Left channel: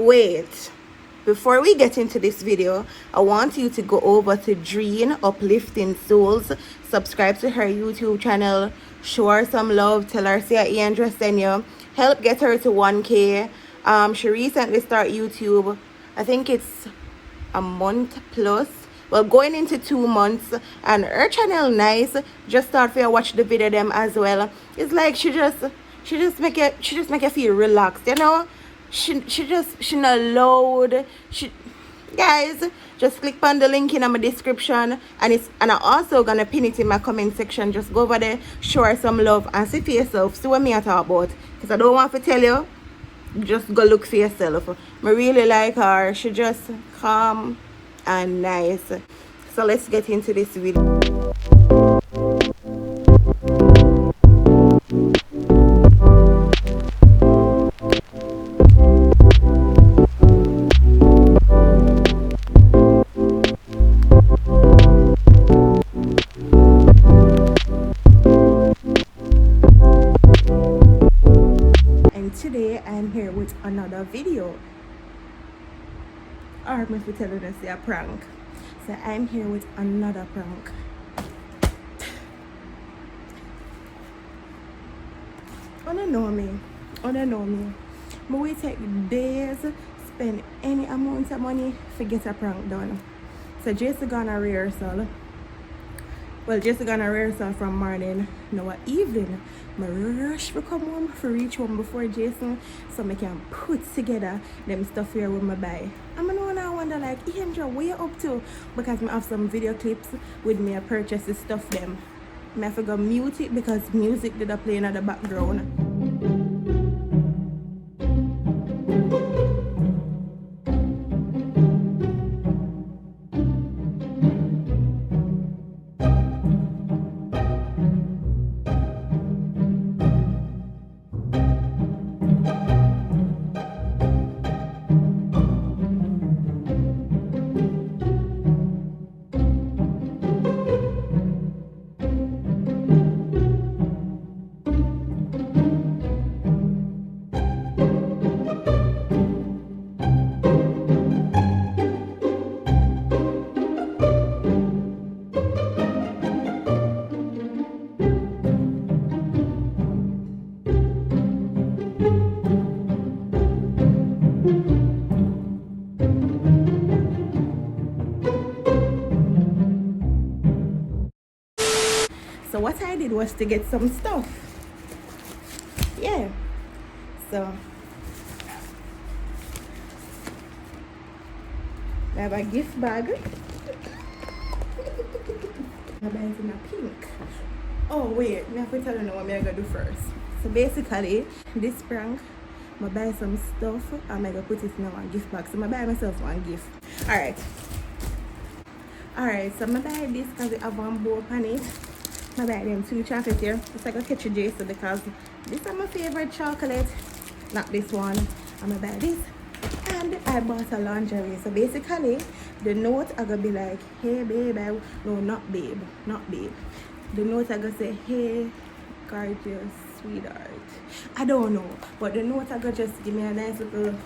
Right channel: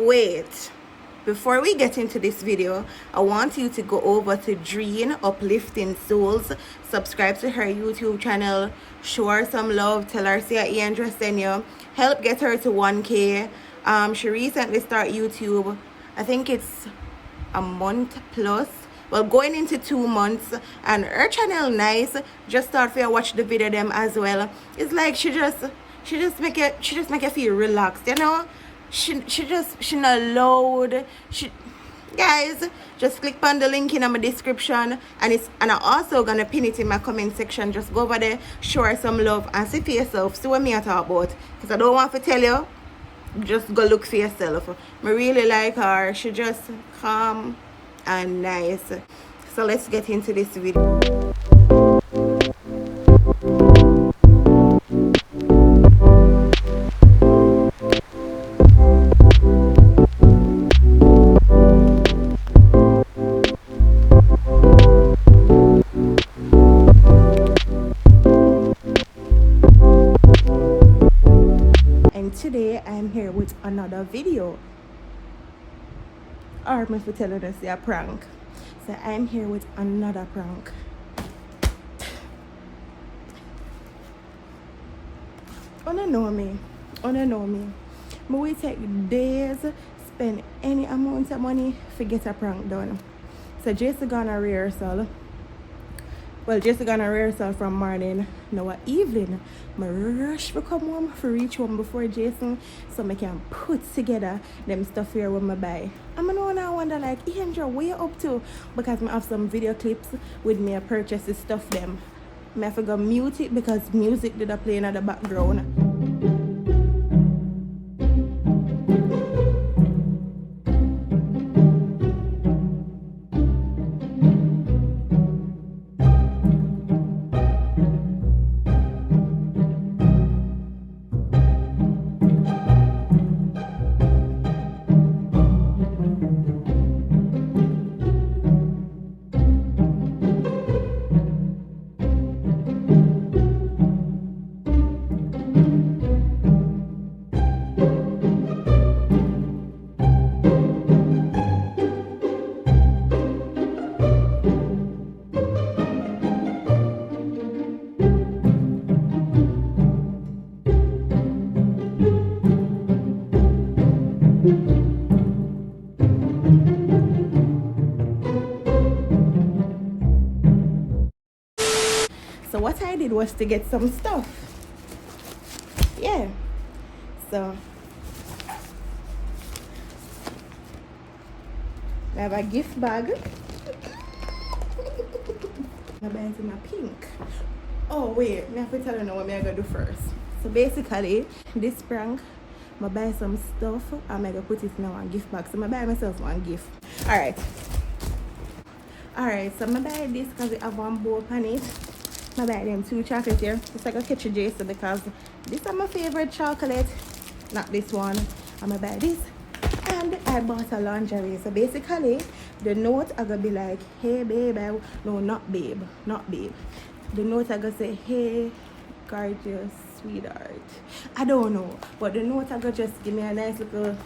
Wait, before we get into this video, I want you to go over to Dreen Uplifting Souls, subscribe to her YouTube channel, show her some love, tell her say Andrea send you, help get her to 1K. She recently started YouTube. I think it's a month plus, well, going into 2 months, and her channel nice. Just start for you watch the video them as well. It's like she just make you feel relaxed, you know. She not loud. Guys, just click on the link in my description, and I'm also gonna pin it in my comment section. Just go over there, show her some love, and see for yourself. See what me I talk about, because I don't want to tell you. Just go look for yourself. I really like her. She just calm and nice. So let's get into this video. Today I'm here with another video, or if you're telling us a prank. So I'm here with another prank. I don't know me. But we take days, spend any amount of money to get a prank done. So Jason gonna rehearsal. Well, Jason gonna rehearsal from morning, now evening. I rush to come home to reach home before Jason, so I can put together them stuff here with my buy. I'm now wonder like, Andrea, what you up to? Because I have some video clips with me I purchase the stuff them. I have to go mute it because music did play in the background. So what I did was to get some stuff. Yeah. So I have a gift bag. I buy it in a pink. Oh wait, I have to tell you now what I'm gonna do first. So basically, this prank, I buy some stuff and I'm gonna put it in one gift bag. So I buy myself one gift. Alright, so I buy this because it have one bow on it. I buy them 2 chocolate here. It's like a catch a Jason because this is my favorite chocolate. Not this one. I'm gonna buy this. And I bought a lingerie. So basically, the note are gonna be like, hey babe, no, not babe. The note are gonna say, hey, gorgeous sweetheart. I don't know, but the note are gonna just give me a nice little,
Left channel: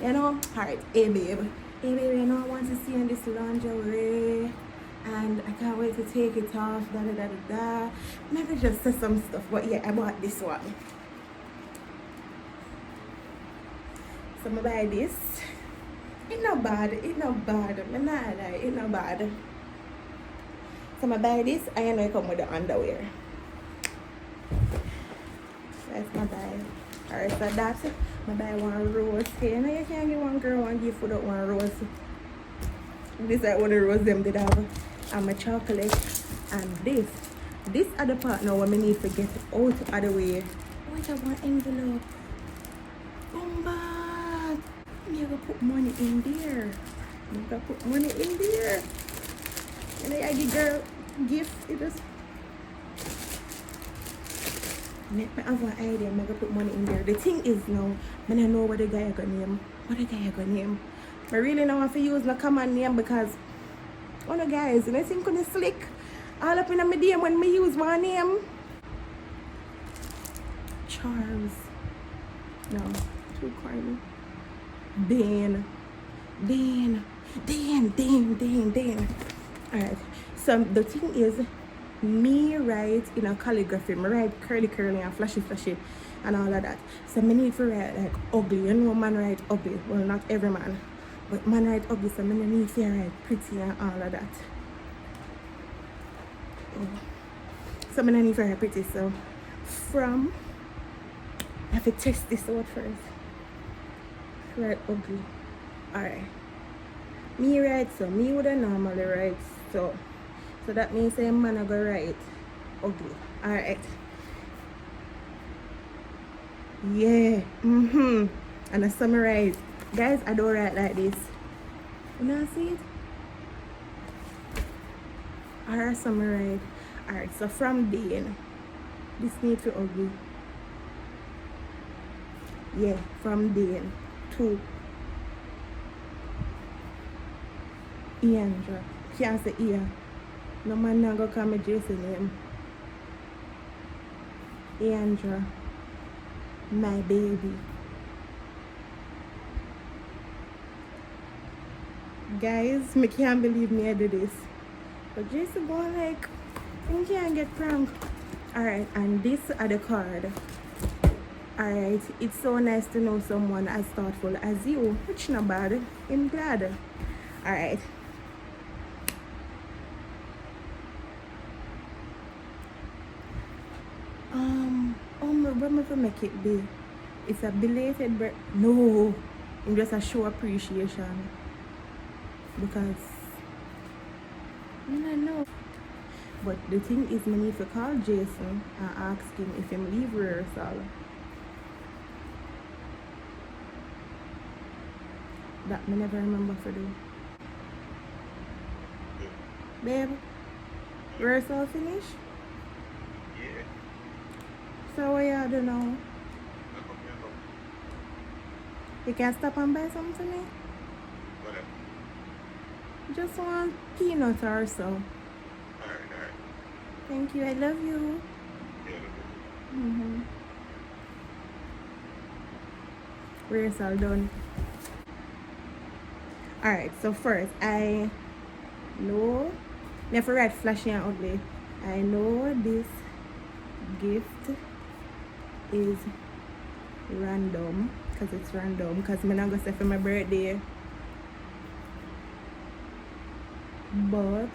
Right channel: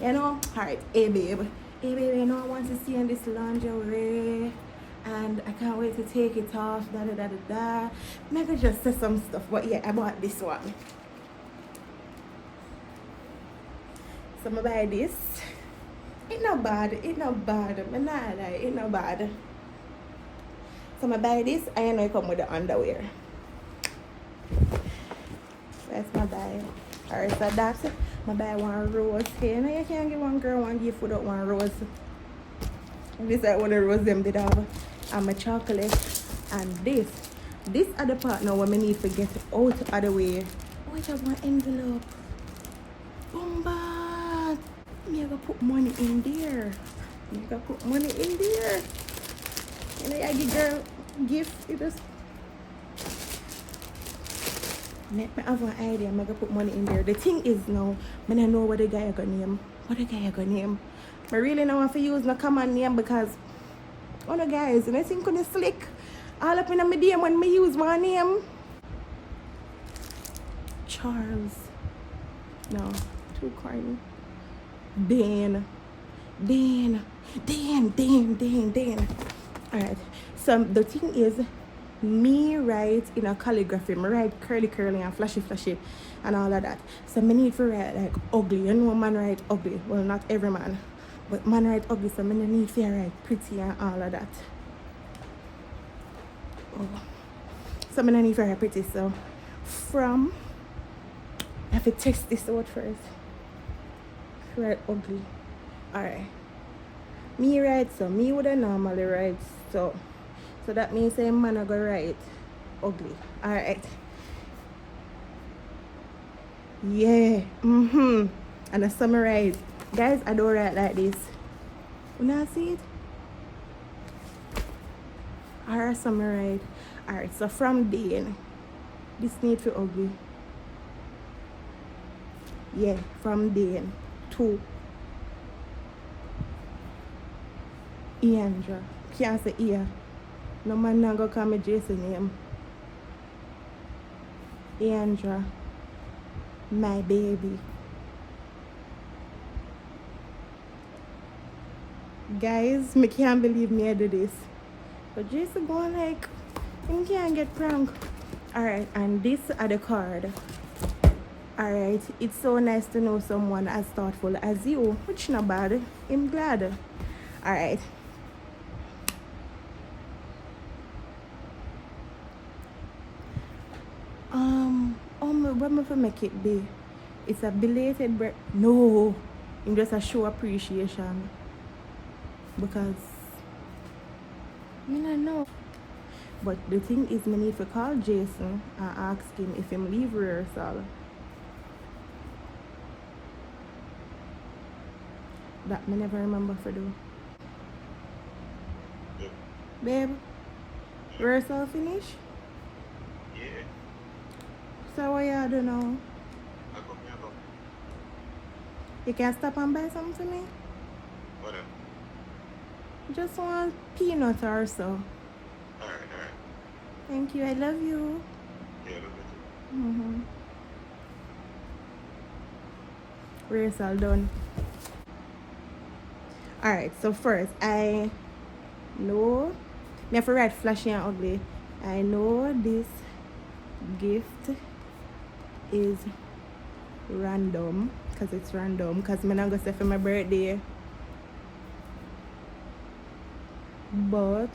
you know, alright, hey babe, you know, I want to see you in this lingerie. And I can't wait to take it off, Maybe just say some stuff, but yeah, I bought this one. So I buy this. It's not bad. I'm not lie, it's not bad. So I buy this, and you know it come with the underwear. That's my buy. Alright, so that's it. I buy one rose here. You know you can't give one girl one gift without one rose. This is what the rose them did have. And my chocolate, and this are the part now where I need to get out of the way. Oh, I have one envelope. Bomba! You gotta put money in there. You know, I give girl gift. It just let me have an idea. I'm gonna put money in there. The thing is now, I don't know what the guy gonna name. I really don't want to use my common name because all the guys, and I think on the slick all up in my DM when I use my name. Charles. No, too corny. Dan. Alright. So the thing is, me write in a calligraphy. Me write curly and flashy and all of that. So me need to write like ugly. You know man write ugly. Well, not every man. But man write ugly, so me need to write pretty and all of that. Oh. So me need to write pretty. So from, I have to test this out first. Write ugly. Alright. Me write so. Me would have normally write so. So that means a man I go write ugly. Alright. Yeah. And I summarize. Guys, I don't write like this. You know see it? Alright, summarize. Alright, so from then, this need to ugly. Yeah, from then to Iandra. Can't say Ia. No man not gonna call me Jason name. Iandra. My baby. Guys, me can't believe me I do this. But Jason going like, you can't get prank. Alright, and this are the card. Alright, it's so nice to know someone as thoughtful as you, which not bad. I'm glad. Alright. What am I make it be? It's a belated birthday. No, it's just a show appreciation. Because I don't know. But the thing is, I need to call Jason and ask him if he leave rehearsal. That I never remember to do. Babe, rehearsal finish? Yeah. So what you do now? I come. You can stop and buy something to me? Whatever. Just want peanuts or so. Alright. Thank you, I love you. Yeah, love you too. Rehearsal done. Alright, so first, I know, never write flashy and ugly. I know this gift is random, because it's random, because I'm not going to say for my birthday. But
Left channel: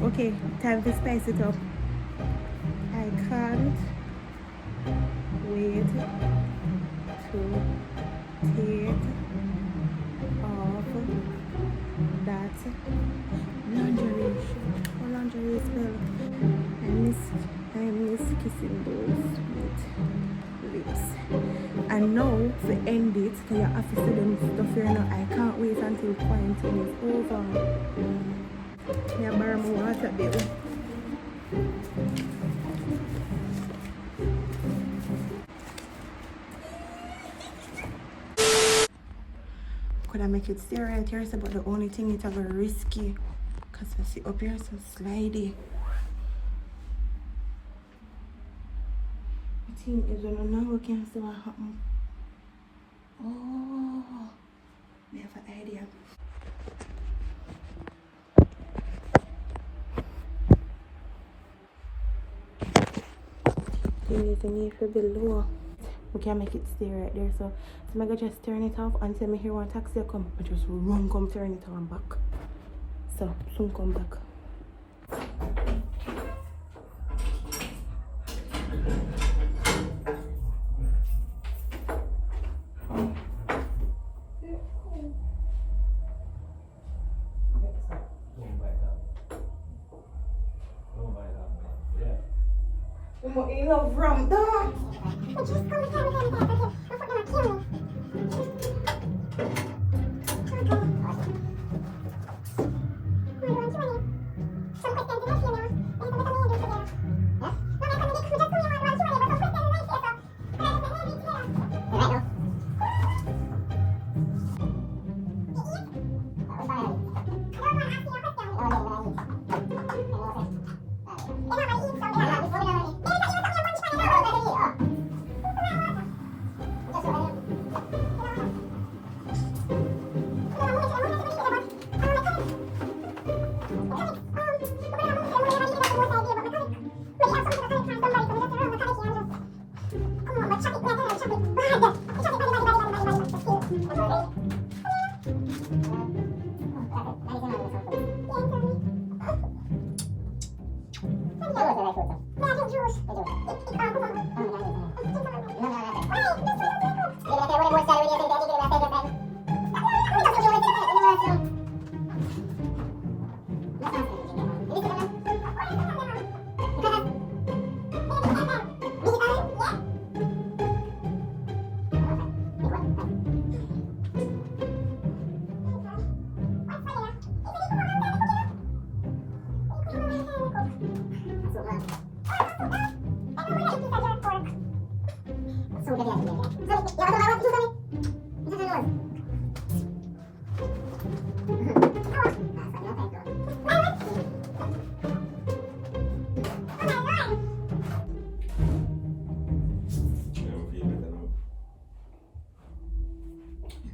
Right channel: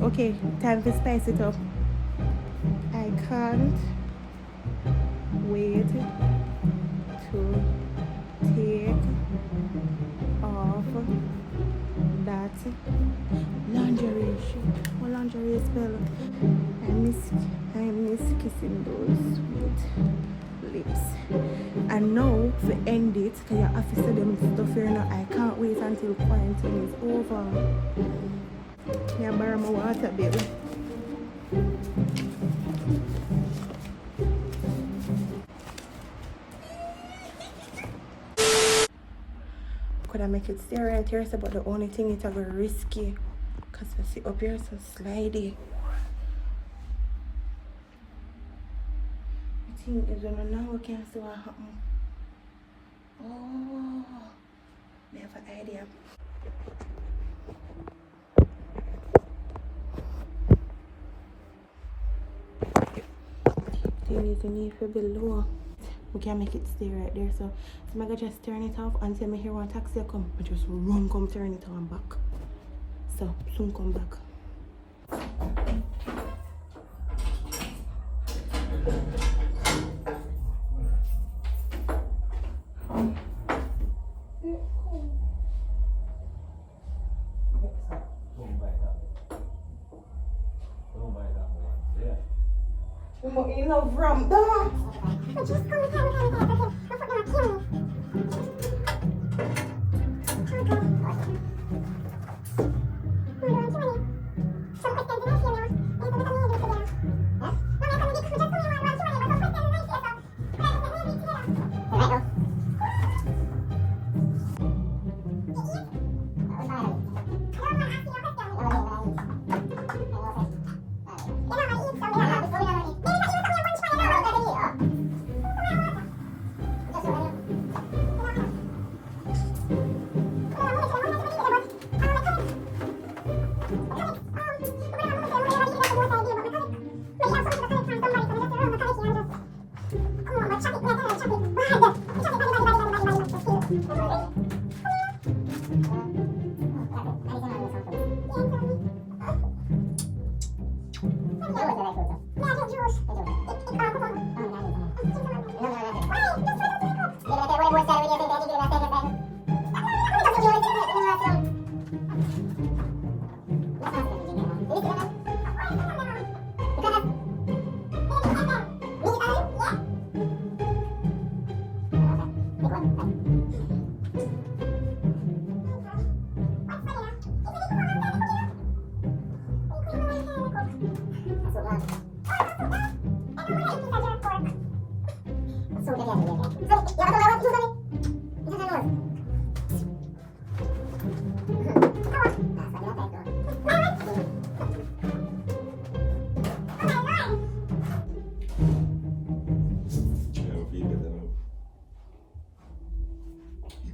okay, time to spice it up. I can't wait to take off that lingerie shit. What lingerie spell? I miss kissing those with lips. And now to end it, because you have to say them stuff here now. I can't wait until quarantine is over. May I borrow my water, baby? Could I make it stay right here? But the only thing is very risky. Because I see up here so slidey. The thing is when I now can't see what happened. Oh, I have an idea. Thing is, I need to be low. We can't make it stay right there, so I'm gonna just turn it off until I hear one taxi come. I just run, come turn it on back. So soon come back. You love rum, dog.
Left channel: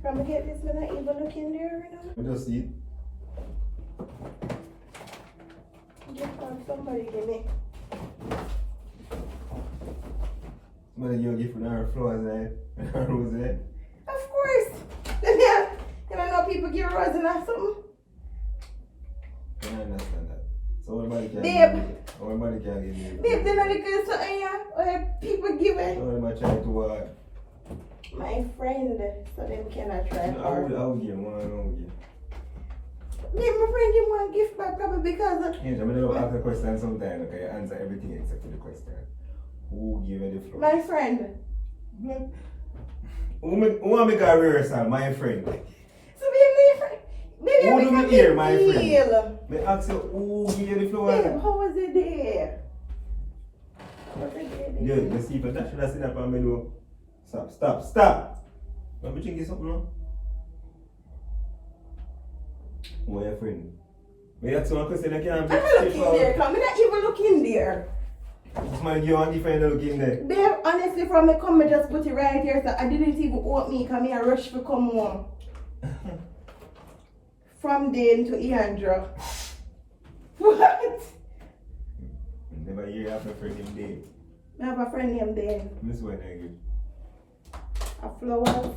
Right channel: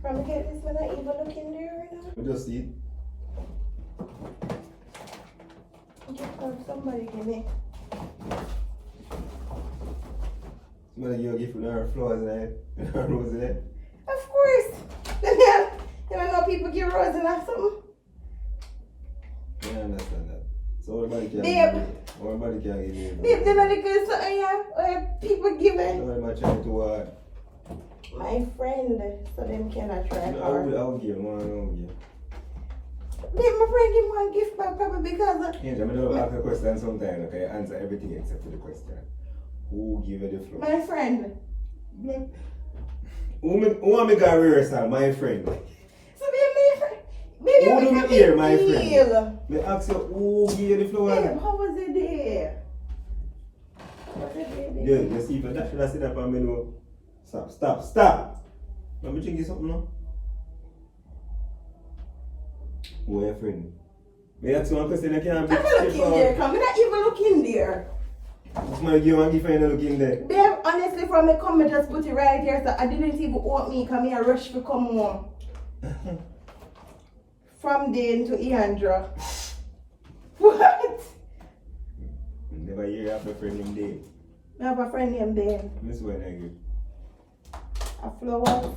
From the head, this not even looking there right now. I just see it. Just got somebody in it. Somebody you give her flowers and her roses there. Of course. Then I know people give roses and something. I understand that. So everybody can Babe. give me. Everybody can give me. Babe, then I get something here where people give it. So everybody trying to My friend, so them cannot try I will give one. Babe, my friend give one gift back probably because Yeah, I'm gonna ask a question sometime, okay? Answer everything except for the question. Who give you the flower? my friend. Who make a rehearsal? My friend. So babe, my friend. Babe, Who do me hear, my friend? deal. Me ask you who give you the flower? Babe, how was it there? Was it there, babe? Yeah, you see, but that should have said that for me no. Stop. Let me think you something now. Who are your friend? Me ask you one question, I can't be I'm not looking there, come. I'm not even looking there. Somebody give one gift and you look in there. Babe, honestly, from me come, I just put it right here, so I didn't even open me, come here, rush to come home. From Dane to Iandra. What? Never hear of a friend named Dave. I have a friend named Dane. Miss when I give. A flowers.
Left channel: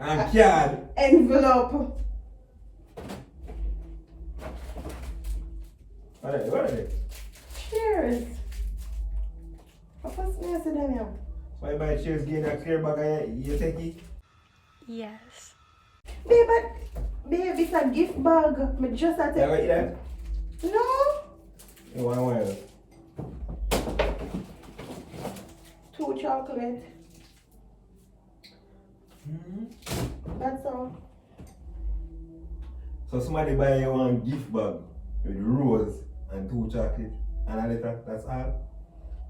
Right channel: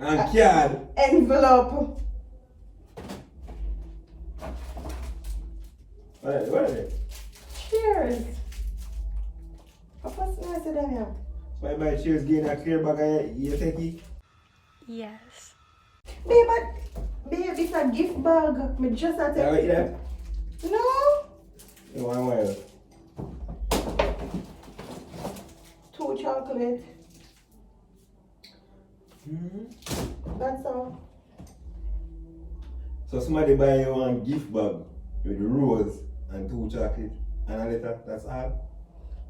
And card. Envelope. What are they? Cheers. What was the rest of them now? Why buy cheers gain a clear bag and you take it? Yes. Babe, it's a gift bag. Me just had Yeah, to... what you that? No. You want one? 2 chocolate. Mm-hmm. That's all. So somebody buy you one gift bag with rose and 2 chocolate and a letter, that's all?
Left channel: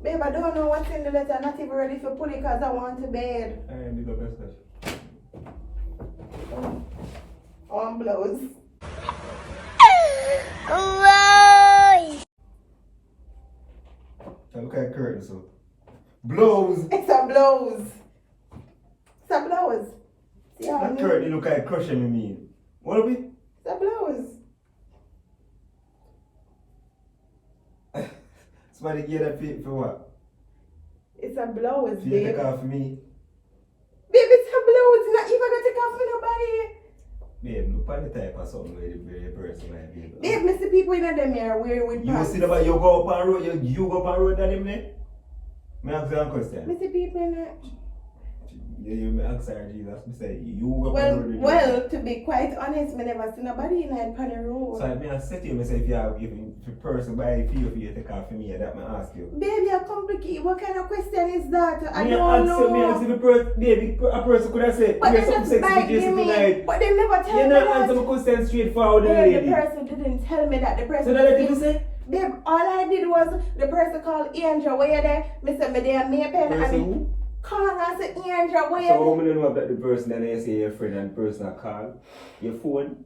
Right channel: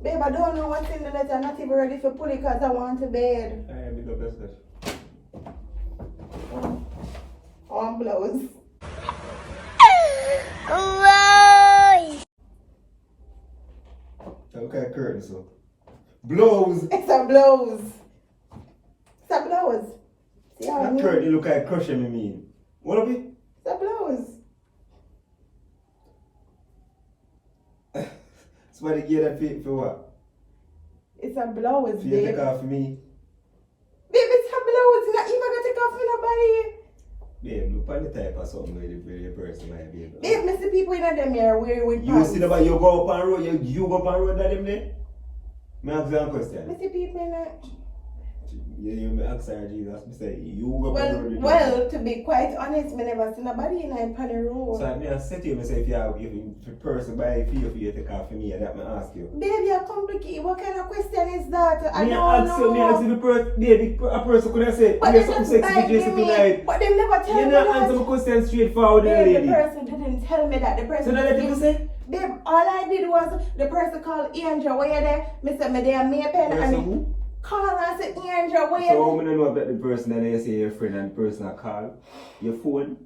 Babe, I don't know what's in the letter. I'm not even ready for pull it because I want to bed. Alright, big up yourself. On blows. Now look at curtain, so. Blows! It's a blows. It's a blows. See how I That mean? curtain look like crushing me. What of it? It's a blows. Somebody give that for what? It's a blows, For you babe. take off me? Babe, it's a blows. You're not even gonna take off me nobody. Babe, look at the type of something where the person might be. Babe, me see people in them here wearing with You pants. see about you go up on road, you go up on road that them there? Me ask you a Me question. see people in that. You me ask her Jesus, me say you go up on road. Well, to be quite honest, me never see nobody in that pan road. So I me say to you, me say if you have if the person buy for you take off for me, that me ask you. Baby, you're complicated. What kind of question is that? I Me don't ask you, me ask know. you, the person, baby, a person could have said, But you they something just sexy buy to Jesse me. tonight. But they never tell You me not answer that. my question straightforward, the Babe, lady. the person didn't tell me that. The person So that let you say? Babe, all I did was the person called Angel, where you there? Me said me there, me a pen Person and who? call and say Angel, where you So there? how many know that the person that you say your friend and the person that call your phone?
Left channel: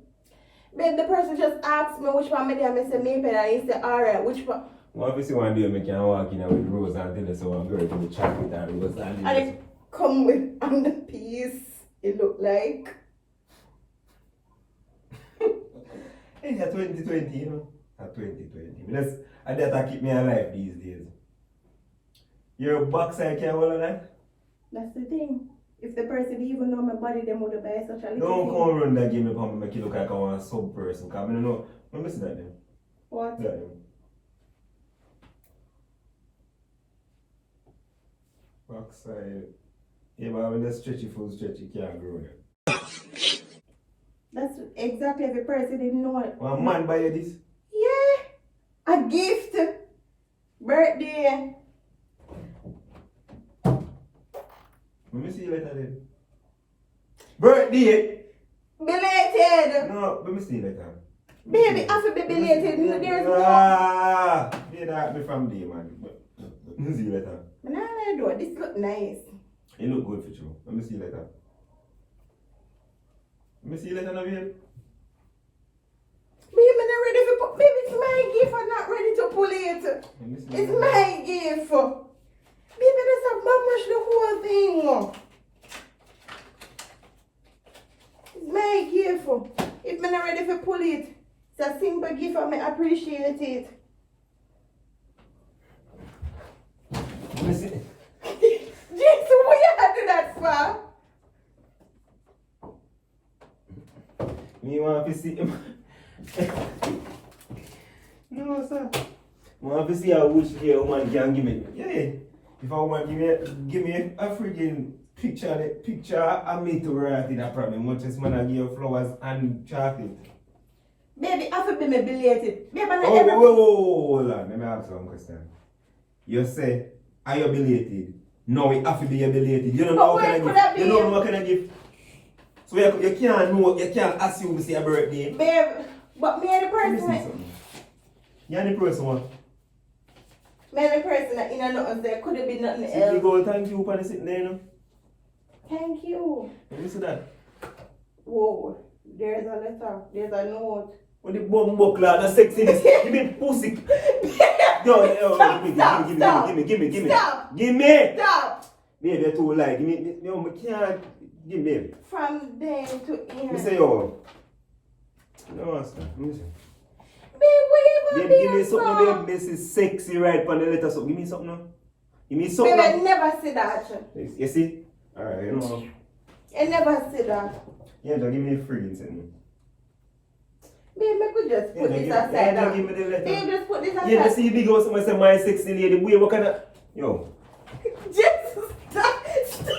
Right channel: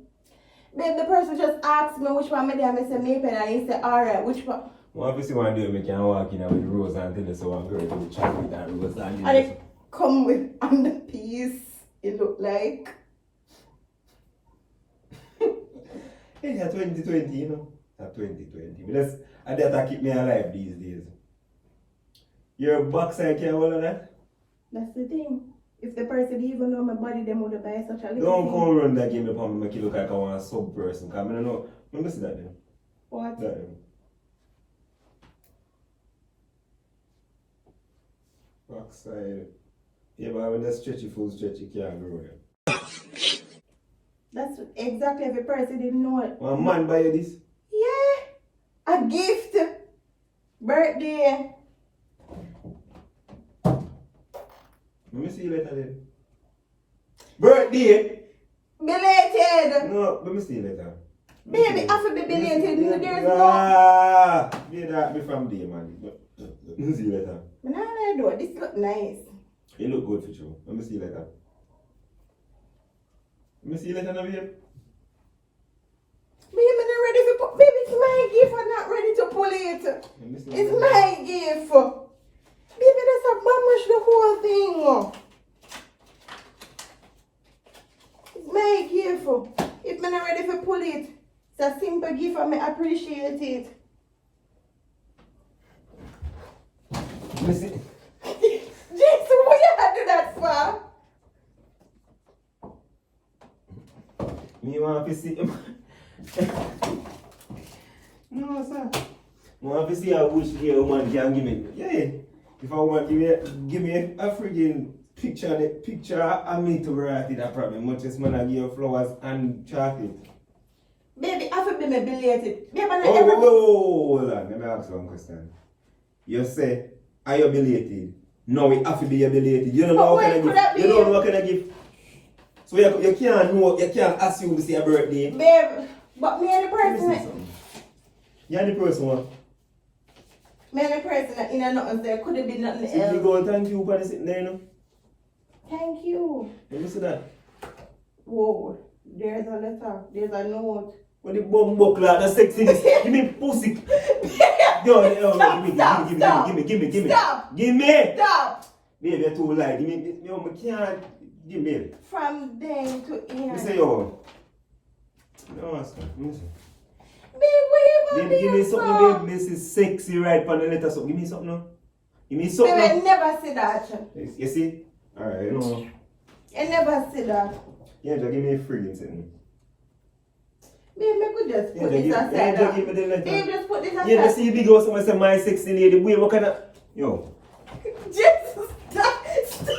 Babe, the person just asked me which one me there. Me say me pen and he said, alright, which one? Well, obviously one day I can walk in with Rose and tell us so one girl to the chocolate and Rose and And it come with on the piece. It looked like. Hey, that's 2020, you know. That's 2020. But that keep me alive these days. Your backside can't hold of that? That's the thing. If the person didn't even know my body, they would have buy such a little Don't thing. come run that game upon me, make you look like I want a sub person. Because I don't know. Let me see that then. What? That then. Backside. Yeah, but when the stretchy full stretch, you can't grow it. That's exactly every person didn't know it. One man buy you this? Yeah. A gift. Birthday. Let me see you later then. Birthday? Belated. No, let me see you later. Baby, after be belated, there's no. Ah, yeah, that be from day, man. Let me see you later. Nah, do it. This look nice. It look good for you. Let me see you later. Let me see you later now, babe. Baby, I'm not ready for put. Baby, it's my gift. I'm not ready to pull it. Let me see you It's later. my gift. Baby, that's a mamush the whole thing. It's my gift. If I'm not ready to pull it, it's a simple gift and I appreciate it. Let me see. Jason, what you have to do that for? Me want to see no, sir. I want to see how which day a woman can give me. Yeah. If a woman give me a friggin' picture of me to write it, that problem. Much as man I give you flowers and chocolate. Baby, I feel me belated. Baby, I'm not Oh, ever. hold on. Let me ask you one question. You say, are you belated? No, it have to be belated. You don't know what kind of gift. You don't know what kind of gift. So you can't know, you can't assume it's your birthday. Babe, but me and the Let me see person, something. You're the person one. me and the person that in a nothing there could have been nothing See, else. go thank you for the sitting there, you know. Thank you. Let me see that. Whoa, there's a letter, there's a note. What the bum buckler, the sexiness. Give me pussy. Yo, give me. Stop. Give me. Stop! Baby, you're too light. Give me. Yo, I can't. Give me. From then to here. Me say yo. No, sir. Let me see. Babe, what you gonna Baby, give me do something, from? babe. This is sexy right on the letter. So give me something now. Give me Babe, something. I now. never said that. You see? Alright, you know. I never said that. Yeah, just give me a friggin' thing. Babe, I could just put this aside. Yeah, give me the letter. Babe, just put this aside. Yeah, but see, big girl, someone say my sexy lady. Boy, what kind of. Yo. Just stop. Stop.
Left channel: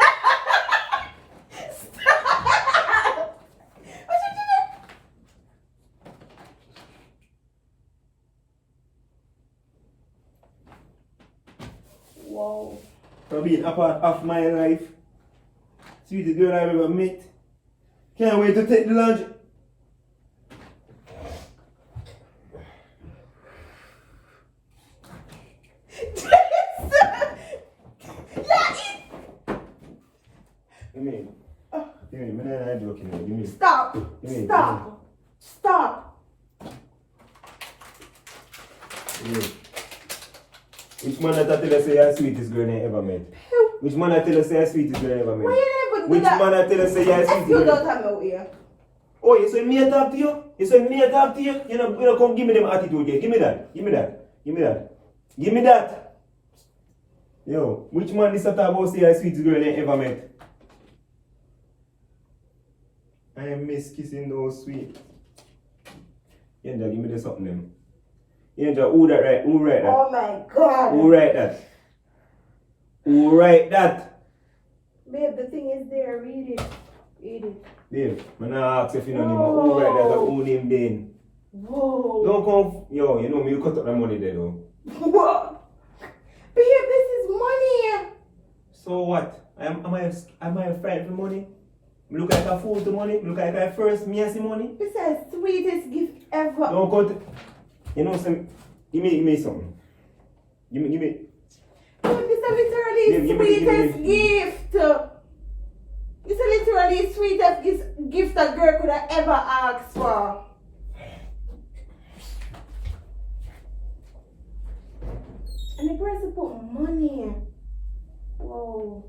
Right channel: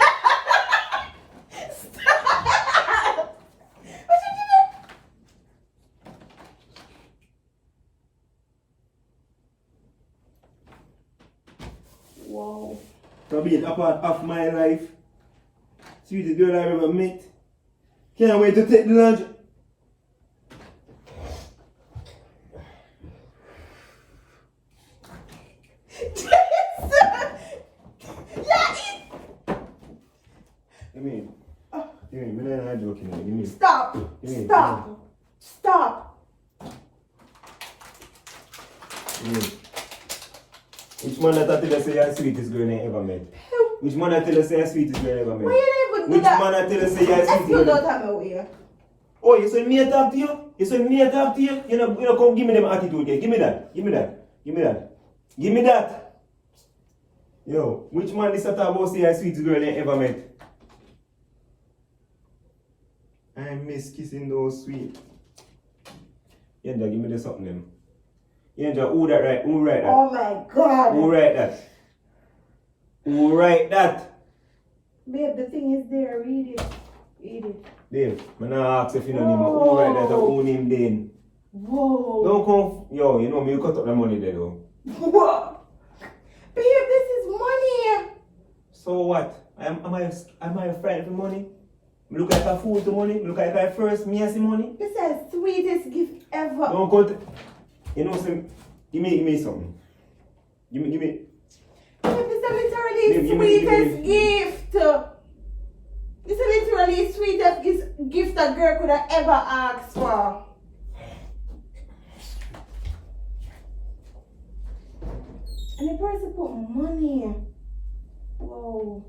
Stop. What you doing? Whoa. To be a part of my life. Sweetest girl I've ever met. Can't wait to take the lunch. Give me, I'm not joking. Give me. Stop. Yeah, Stop. Stop. Give me. Which man I tell you say you're the sweetest girl I ever met? Which man I tell you say you're the sweetest girl I ever met? Why you never do Which that? man I tell you say you're the I sweetest still girl? don't have no way. Oh, you say me a talk to you? You say me a talk to you? You know, come give me them attitude there. Give me that. Give me that. Give me that. Give me that. Yo, which man is that about say you're the sweetest girl I ever met? I miss kissing those sweet. Yeah, give me the something them. Yeah, who that right? Who write that? Oh my God. Who write that? Who write that? Babe, the thing is there. Read it. Read it. Dave, I'm not ask if you know him. Who write that? Who name then? Whoa. Don't come. Yo, you know me, you cut up the money there though. Whoa. Babe, this is money. So what? Am I a friend for money? Look like a fool to money? Look like I first me see money? This is the sweetest gift ever. Don't come to, you know, some, give me something. Give me. Babe, this is literally Babe, give me- sweetest gift. This is literally sweetest gift a girl could have ever asked for. And the person put money. Whoa.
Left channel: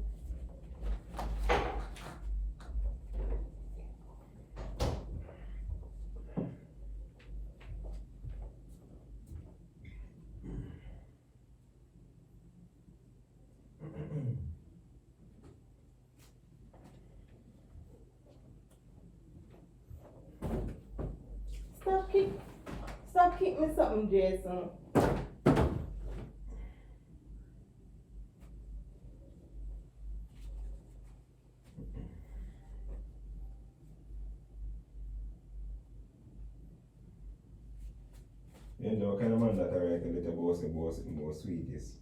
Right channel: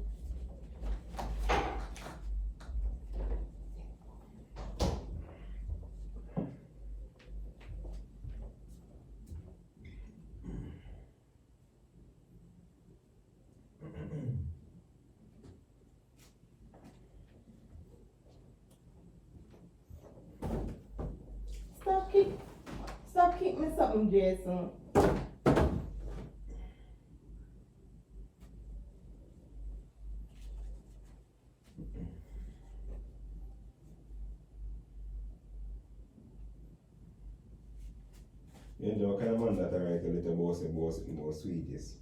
Stop keep me something, Jason. You know, kind of man that I write a little boss more sweetest.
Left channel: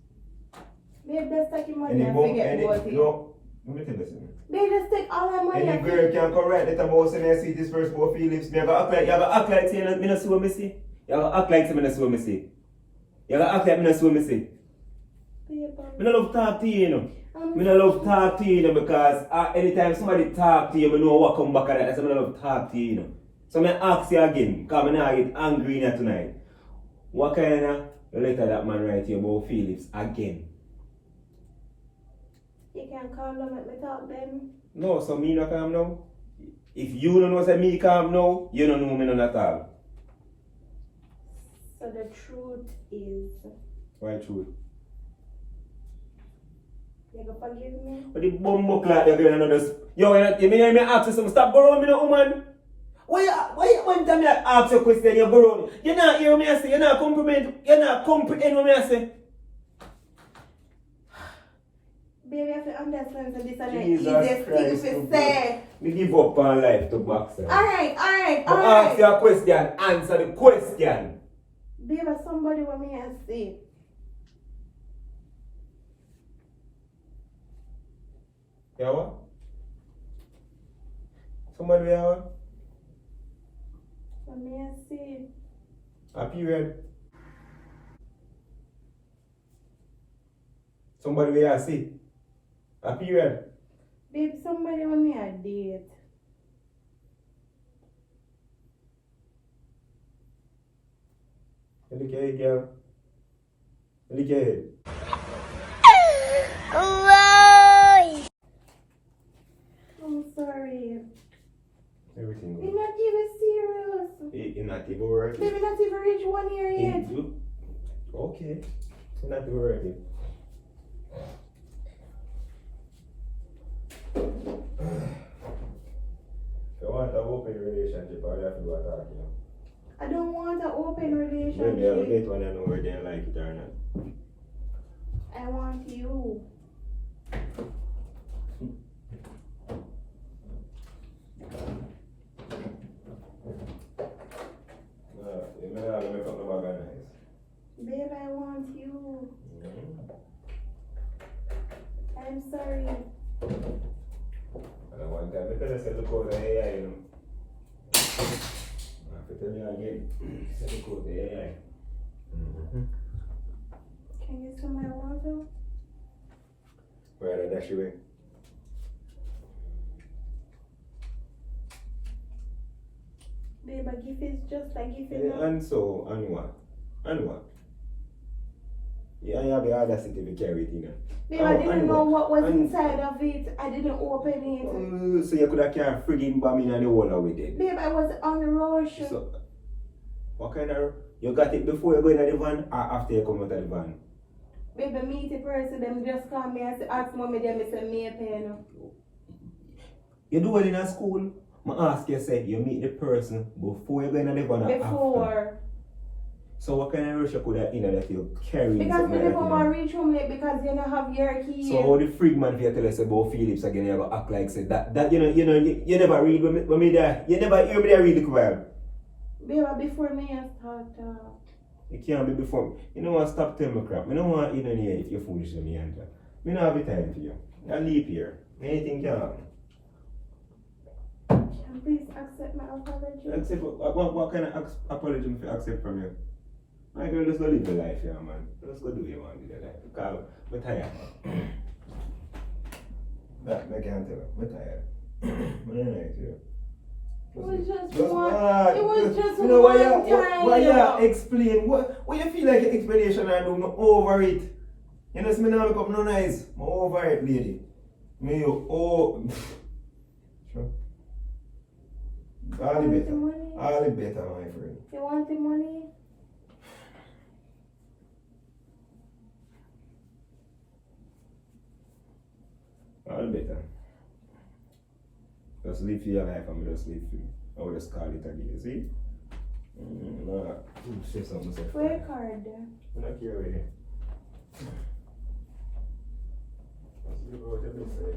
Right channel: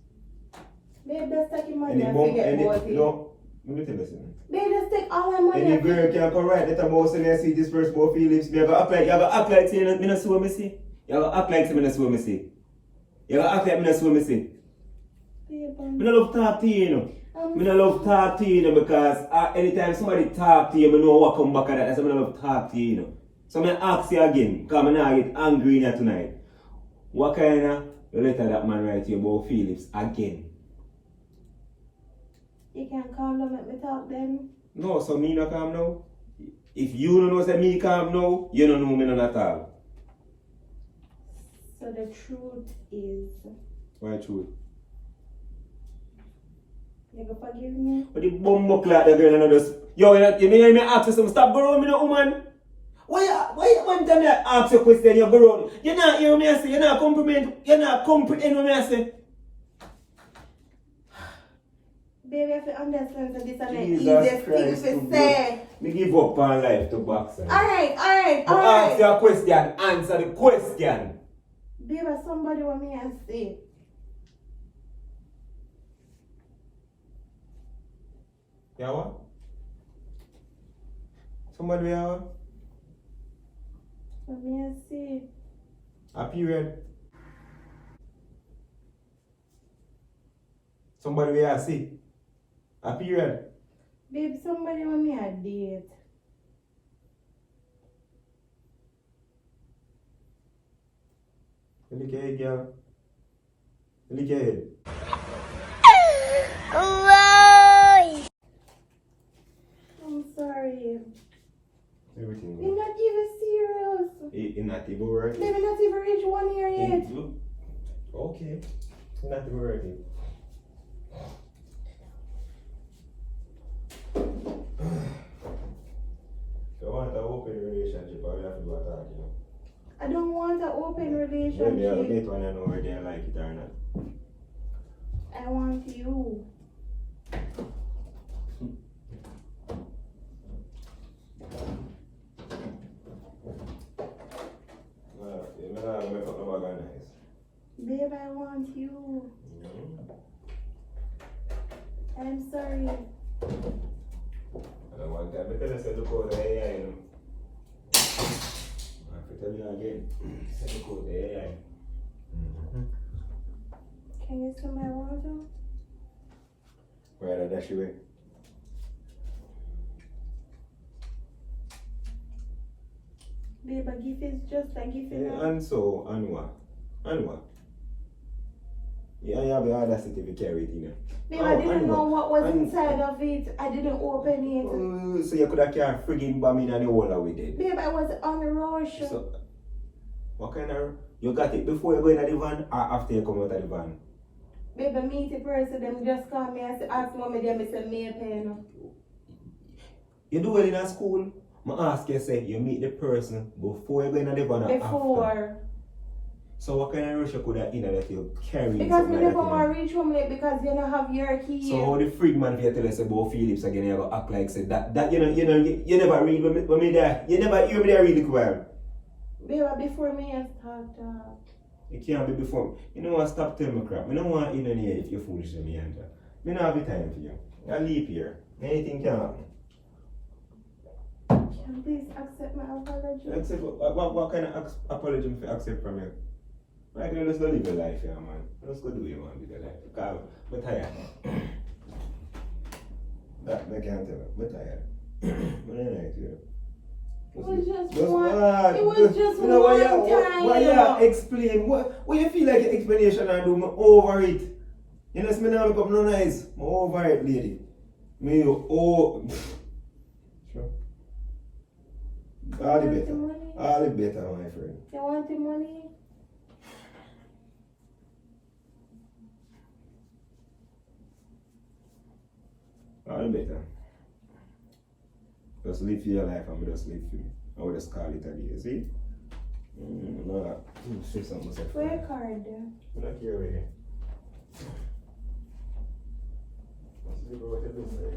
Babe, just take your money Any and bum, forget about it. no, let me tell you something. Babe, just take all my money Any and girl forget. can come right let a boss and I see this first boy Phillips. You gotta act like say me not see what me see. You gotta act like say me not see what me see. You gotta act like me not see what me see. Babe, Me not love talk to you, you know. Me not love talk to you, you know, because anytime somebody talk to you, me know what come back at that. That's why me not love talk to you, you know. So me ask you again, because me not get angry in here tonight. What kind of letter that man write you about Phillips again? You can call them, let me talk them. No, so me not calm now. If you don't know say me calm now, you don't know me none at all. So the truth is, Why truth? you gonna forgive me? But the bumbo like the girl and just yo, you me ask you something, stop borrowing me no woman. Why one time I ask you a question, you borrow? You not hear me I say, you not comprehend what me I say. Baby, if you understand, so this is the Jesus easiest thing Christ, to say. Me give up on life to boxing. Alright. Ask you a question, answer the question. Baby, somebody want me to say. Yeah what? Somebody yeah what? Let me see. A period. Somebody we are see. A period. Babe, somebody want me a date. Look at it, girl. Look at it. I'm sorry. Everything. You're not even serious. It's not even worth Baby, it. not even reach 1 year yet. Okay. It's not even worth it. You want an open relationship, all you have to do is talk, you know. I don't want an open Maybe I'll relationship. date when I know whether they like it or not. I want you. You may not make up no bag of nice. Babe, I want you. Mm-hmm. I'm sorry. And one time, I tell you, say, look out the AI, you know. I have to tell you again, say, look out the AI. Mm-hmm. Can you see my water? Where are the dash away? Babe, a gift is just a gift. Yeah, and so, and what? And what? Yeah, you have the audacity to carry it in there. Babe, I didn't know what was inside of it. I didn't open it. So you could have carried friggin' bomb in and you wall with it. Babe, I was on the rush. So, what kind of... You got it before you go into the van or after you come out of the van? Babe, I meet the person, them just call me and say, ask mommy, them say, me a pen. You do well in a school? I ask you, say, you meet the person before you go into the van or after? Before. So what kind of rush you could have in that you carry? Because we never want to reach home late because you don't have your key. So how the freak man for you tell us about Phillips again, you go act like say that you never read when me there. You never hear me there read the well. Babe, before me I start It can't be before. You know what, stop telling me crap. I don't want in any if you're foolish to me and I don't have the time for you. I leave here. Anything can happen. Can you please accept my apology? Accept what kind of apology do I accept from you? My girl, just go live your life, yeah, man. Just go do what you want with your life. Because I'm tired. That I can't tell you. I'm tired. I'm not right here. It was just Just one. what? It was just You know, one why time. you explain? What you feel like your explanation I do? I'm over it. You know, me now become no nice. I'm over it, lady. Me you sure. All the want the better. money? All the better, my friend. You want the money? All better. Just live for your life and just live for me. I would just call it a day, see? No, stress on myself. Where card? I'm not here with it. Let's see what it looks like.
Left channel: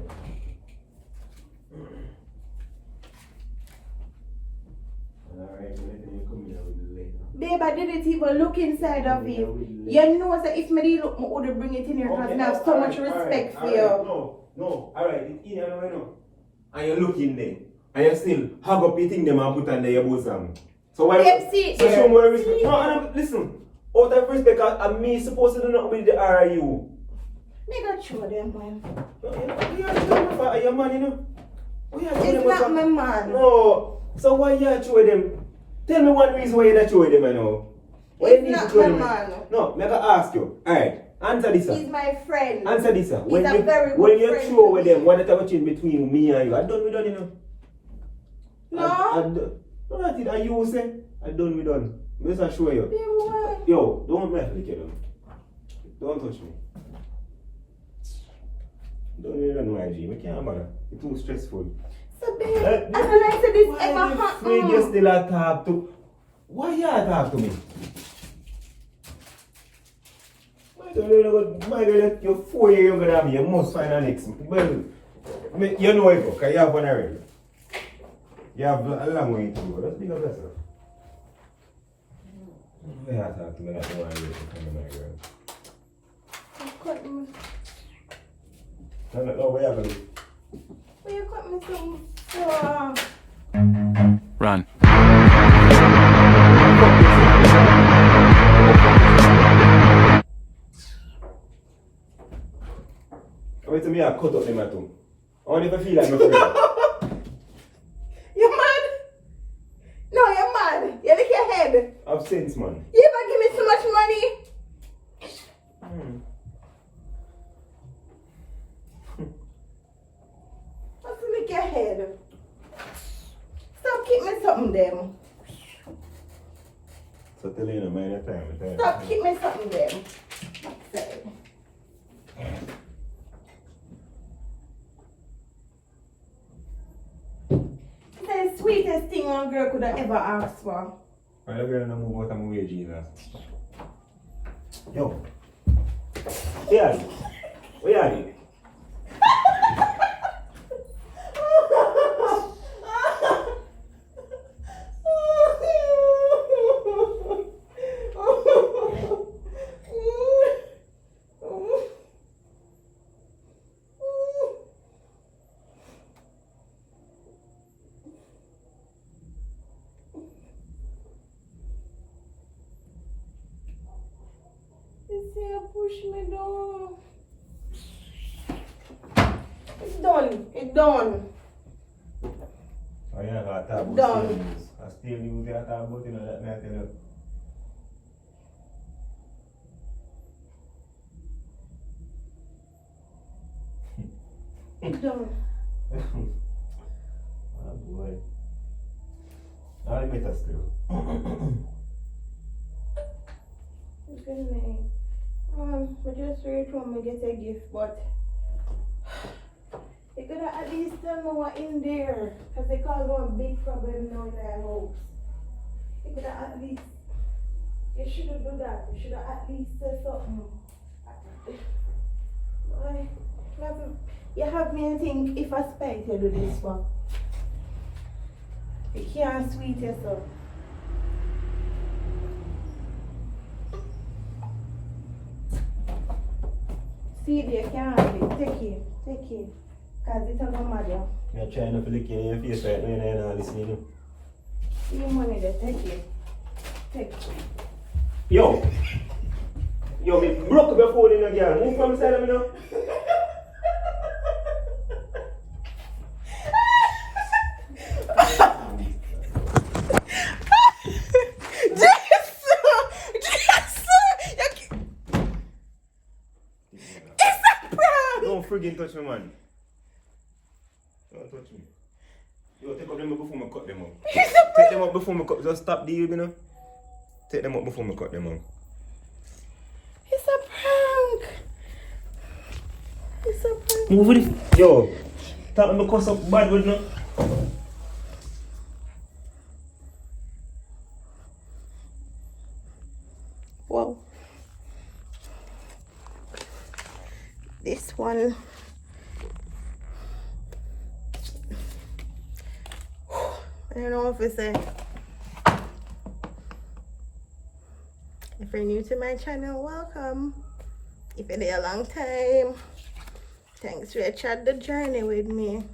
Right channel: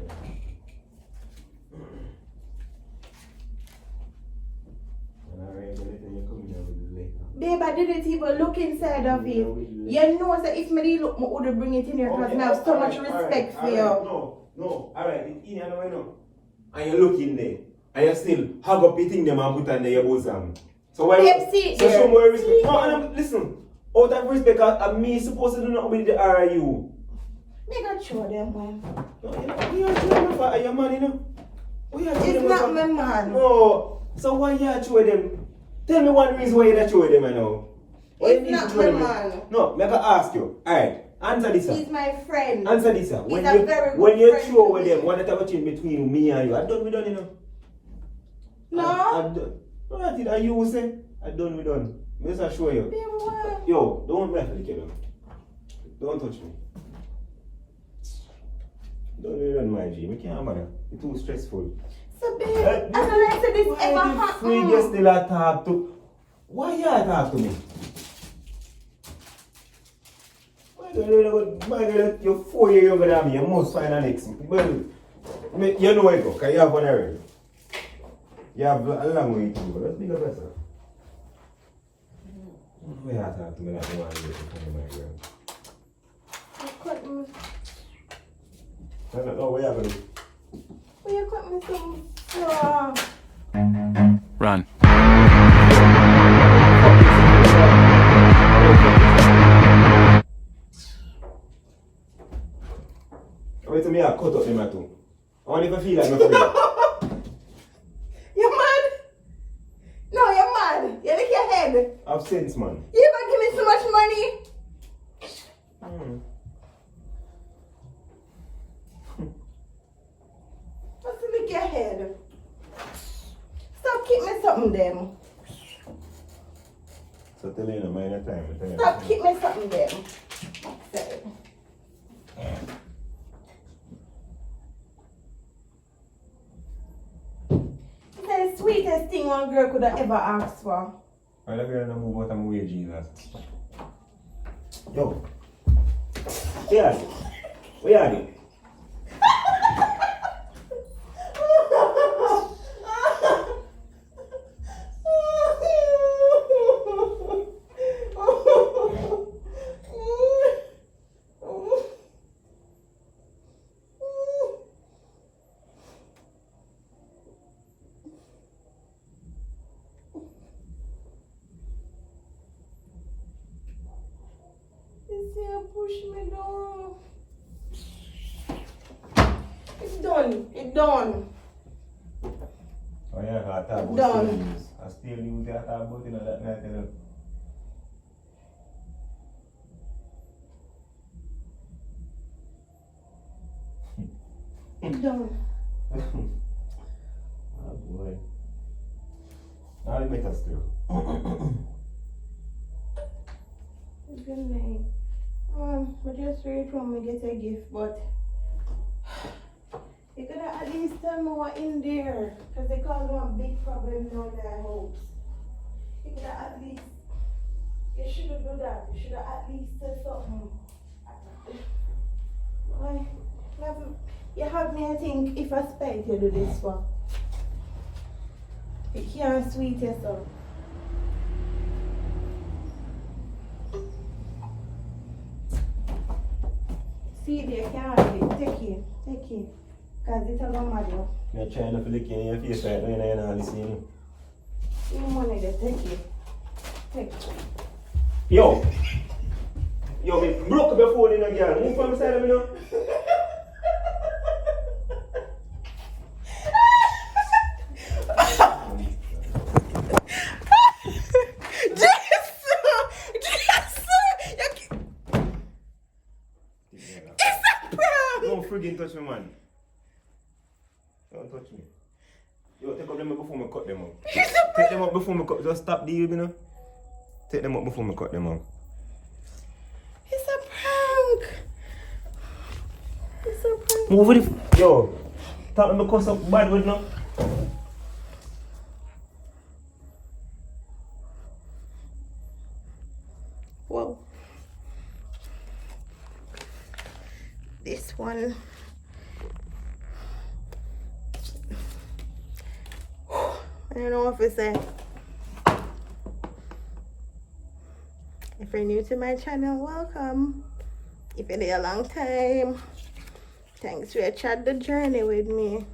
Alright, anything you come here with later. Babe, I didn't even look inside of it. You know that if me look, I would bring it in here because I have so much respect for you. No, alright, it's in here now. And you look in there. And you still hug up your thing them and put on there your bosom. So why so show more respect. No, listen. Out of respect, I'm me supposed to do nothing with the RIU. They got show them, man. No, you are showing them. Are you man, you know? It's not my man. No. So why you are showing them? Tell me one reason why you're not showing them, I know. It's not my man. No, I'm going to ask you. Alright, answer this. He's my friend. Answer this. When you show with them, what is the between me and you? I done, you know. No. What did you say? I done. I'm just show you. What? Yo, don't mess with you. Don't touch me. Don't even my dream. I can't bother. It's too stressful. So babe, I don't like to this ever happen. Why you still talk to? Why you talk to me? My girl, you're 4 years younger than me. You must find an ex. Well, you know it, because you have one already. You have a long way to go. Let's be the best. Why you talk to me like you want to get my girl? You cut me. No, where you going? Why you cut me so Run. Wait till me I cut up them at home. I want to feel like my friend. You mad? No, you're mad. You lick your head. I've sense, man. You ever give me so much money? What's to lick your head? Stop keep me something them. So tell you no mind the time. Stop keep me something them. Sorry. It's the sweetest thing one girl could have ever asked for. Well, the girl don't move out of my way, Jesus. Yo. Where are you? Where are you? Push me down. It's done. It's done. Oh yeah, I talk about Done. I still use that talk about it that night, you know. It's done. Oh boy. Now let me test you. Good night. We just reached home to get a gift, but you could have at least tell me what in there, because they caused one big problem now in their house. You could have at least, you shouldn't do that. You should have at least said something. You have me, I think, if I spite you do this one. You can't sweet yourself. See it, you can't have it. Take it. Because it's a mad. You're trying to flick in your face right now and you're not listening. You money there, take it. Take it. Yo, me broke before in a girl. Move from the side of me now. Don't friggin' touch me, man. Don't touch me. Yo, take out them before me cut them up. Take them up before me cut. Just stop the you know. Take them up before me cut them up. It's a prank. It's a prank. Move with it. Yo, talk me because of bad word now. Whoa. This one. I don't know if it's a. If you're new to my channel, welcome. If you're there a long time, thanks for chat the journey with me.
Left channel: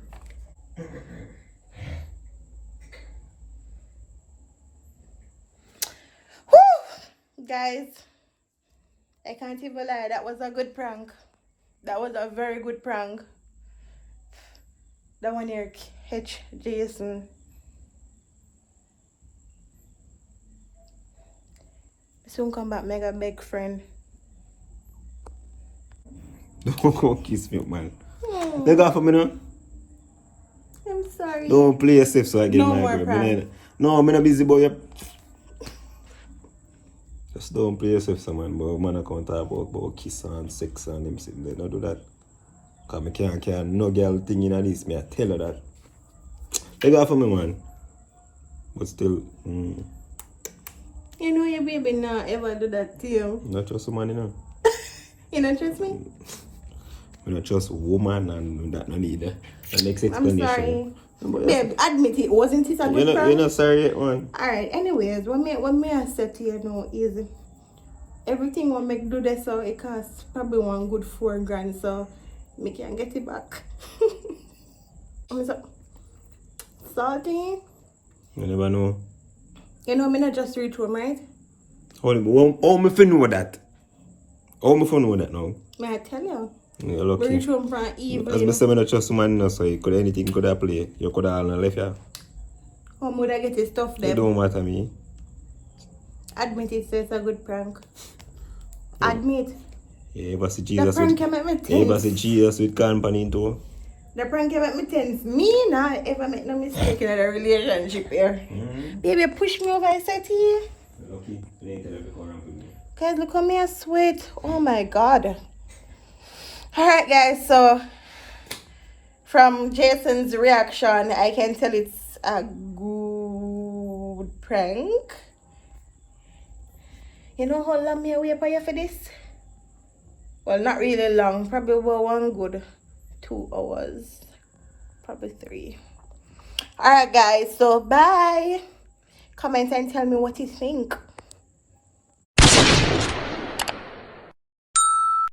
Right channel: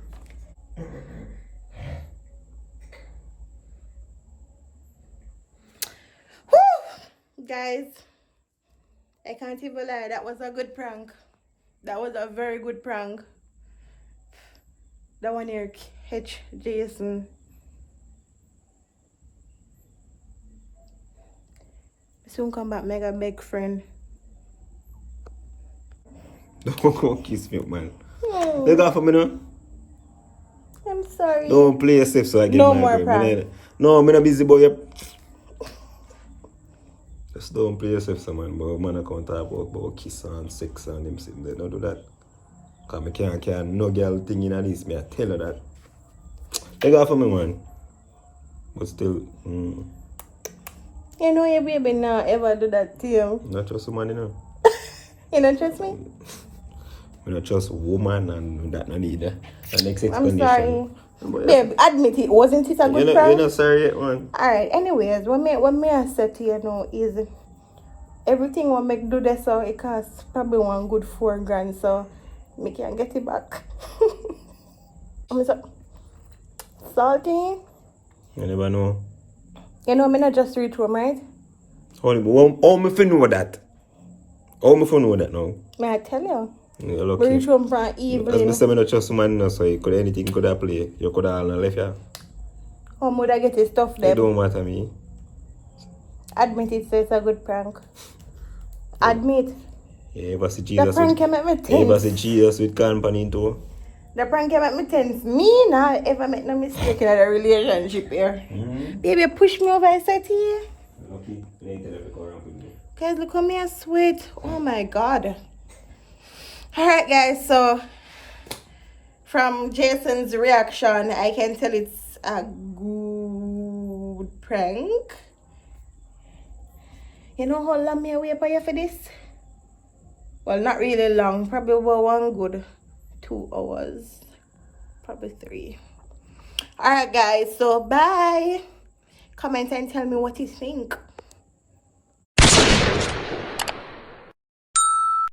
Whew! Guys, I can't even lie, that was a good prank. That was a very good prank. That one here, H. Jason. Soon come back, mega big friend. Don't go kiss me, man. Oh, They got for me now. I'm sorry. Don't play yourself so I get No my more grip. prank. No, I'm not busy boy. Just don't play yourself so man, but man I can't talk about kiss and sex and them sitting there. Don't do that. Cause I can't no girl thing in this, me I tell her that. They got for me man. But still, You know your baby not ever do that to you. not trust a man, you know. You don't trust me? We not trust woman and that no need the next I'm explanation. sorry. But Babe, admit it. Wasn't it a good you're prank? not sorry yet, man. Alright, anyways, what me I said to you now is everything what make do this so it costs probably one good $4,000 so me can get it back. I'm so salty. You never know. You know me not just reach home, right? How me fi know that? How me fi know that now? May I tell you? You're We lucky. reach home from As evening. I say, I don't trust man, no, so anything could have play. You could have left here. How would I get the stuff It there? don't matter me. Admit it, so it's a good prank. Admit. Yeah, but see The Jesus prank with, can make me yeah, but tense. see Jesus with company too. The prank can make me tense. Me not ever make no mistake in a relationship here. Baby, push me over, I said to you. Lucky, you ain't tell her to come around with me. Guys, look at me, I sweat. Oh my god. Alright, guys, so from Jason's reaction, I can tell it's a good prank. You know how long me wait for you for this? Well, not really long. Probably about one good 2 hours. Probably 3. Alright, guys, so bye. Comment and tell me what you think.